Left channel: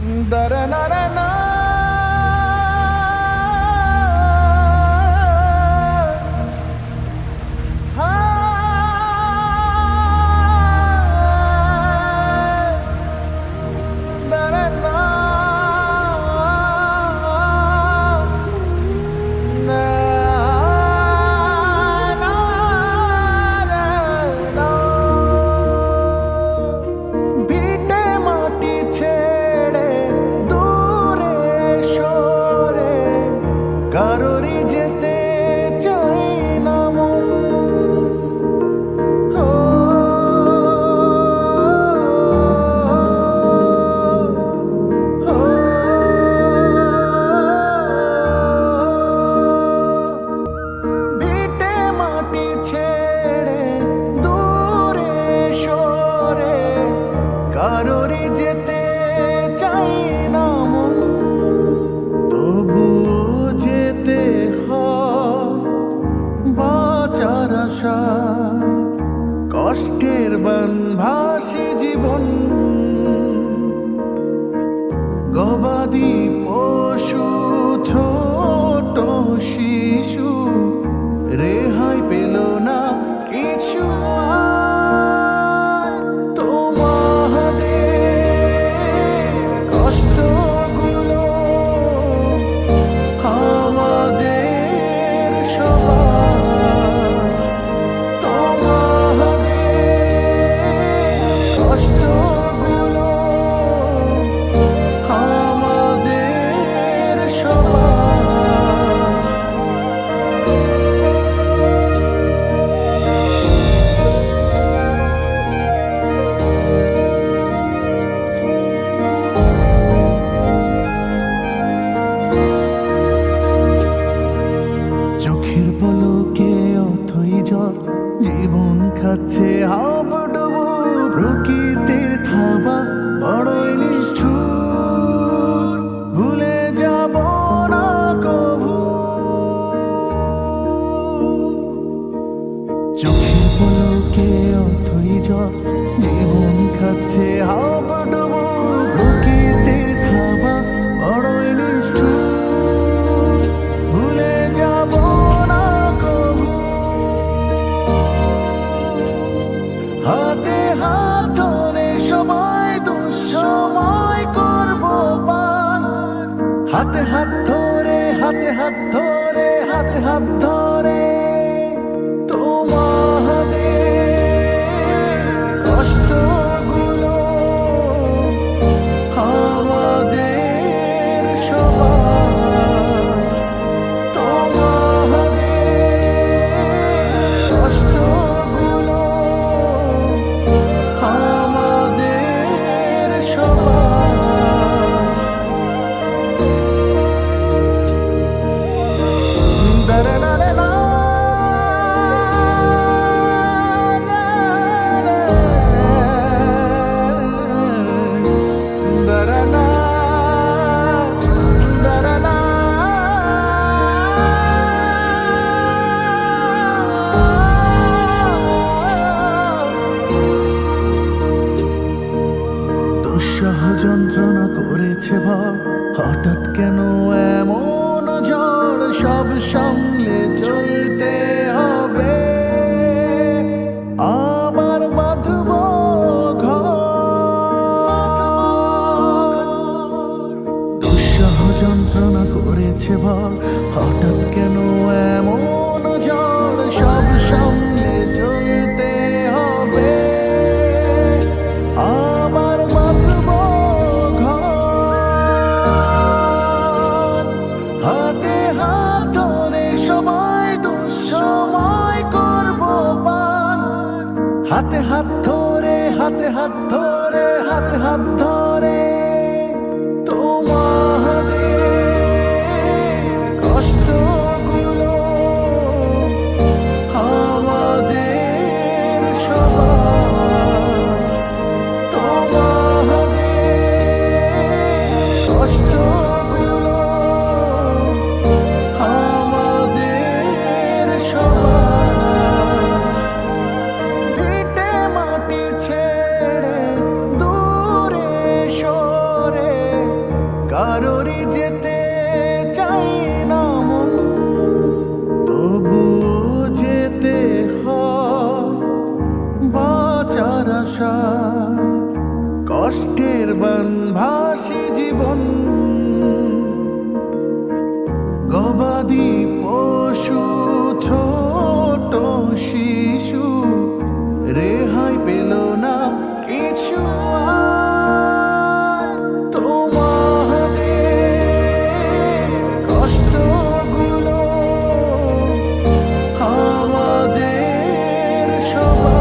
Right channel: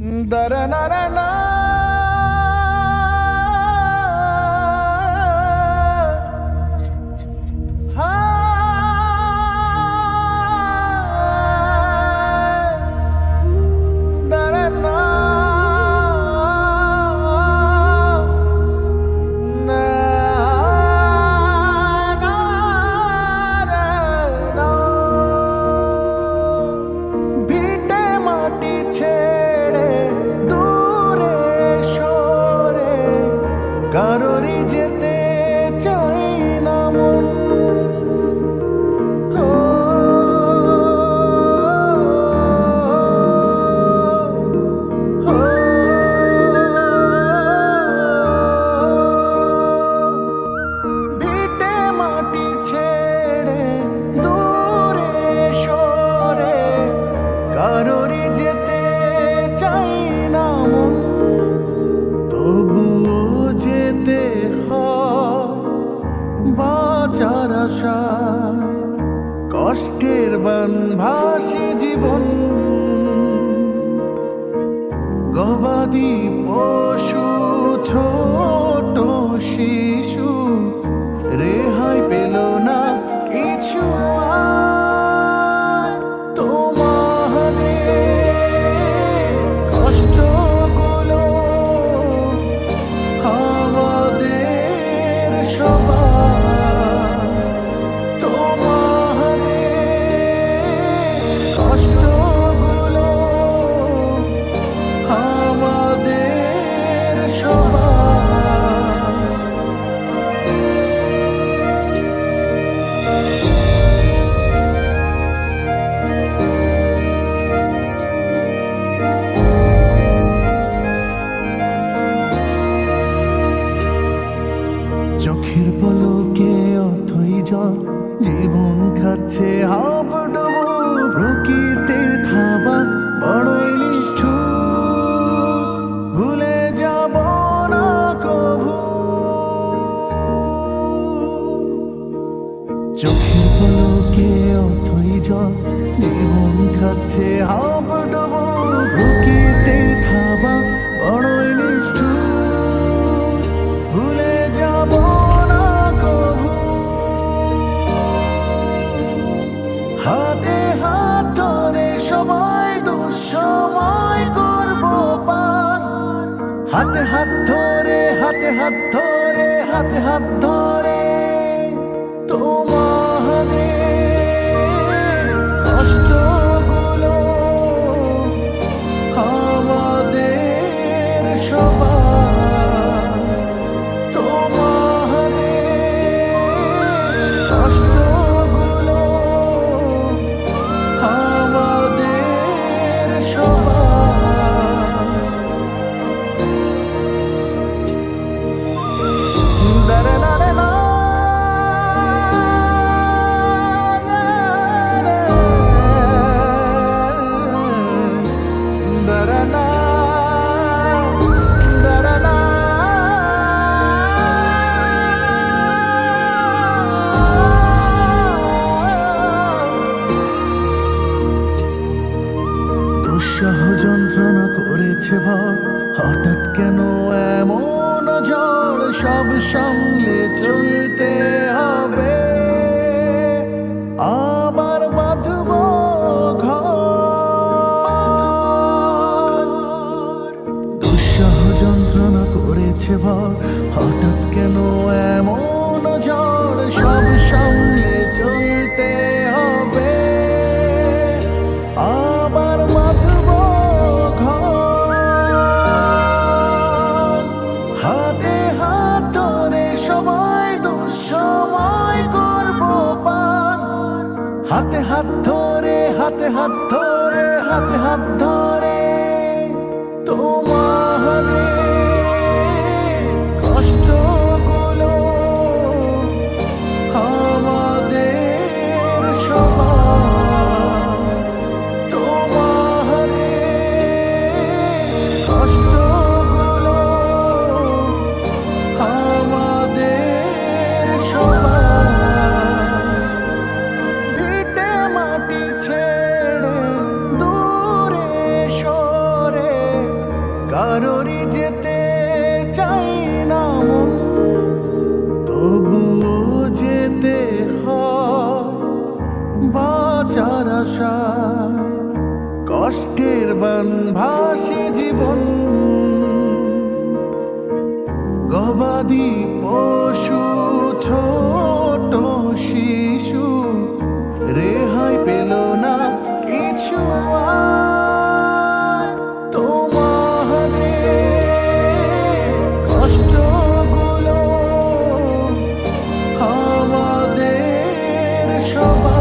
da da da da, da. কারোরই যেতে বাঁচার আশায় কষ্টের বানভাসী জীবন। গবাদি পশু ছোট শিশু রেহাই পেল চোখের পলকে অথই জল। জীবন খাচ্ছে হাবডুবু, প্রকৃতির থাবা, বড়ই নিষ্ঠুর। ভুলে যাব না কভু। চোখের পলকে অথই জল। জীবন খাচ্ছে হাবডুবু, প্রকৃতির থাবা, বড়ই নিষ্ঠুর। ভুলে যাব হাতে হাত ধরে হাতে হাত ধরে হাতে হাত ধরে। তোমাদের দুঃসহ যন্ত্রণা করেছে ভর হঠাৎ কেন এমন ঝড় সব সামলে চলতে হবে? আবার বাঁধব দুঃসহ যন্ত্রণা করেছে ভর হঠাৎ কেন এমন হাতে হাত ধরে হাতে হাত ধরে হাতে হাত ধরে তোমাদের কষ্টগুলো আমাদের সবার যেতে হয় বাঁচার আশায়, কষ্টের বানভাসী জীবন। গবাদি পশু, ছোট শিশু, রেহাই পেল না কিছু। Oh.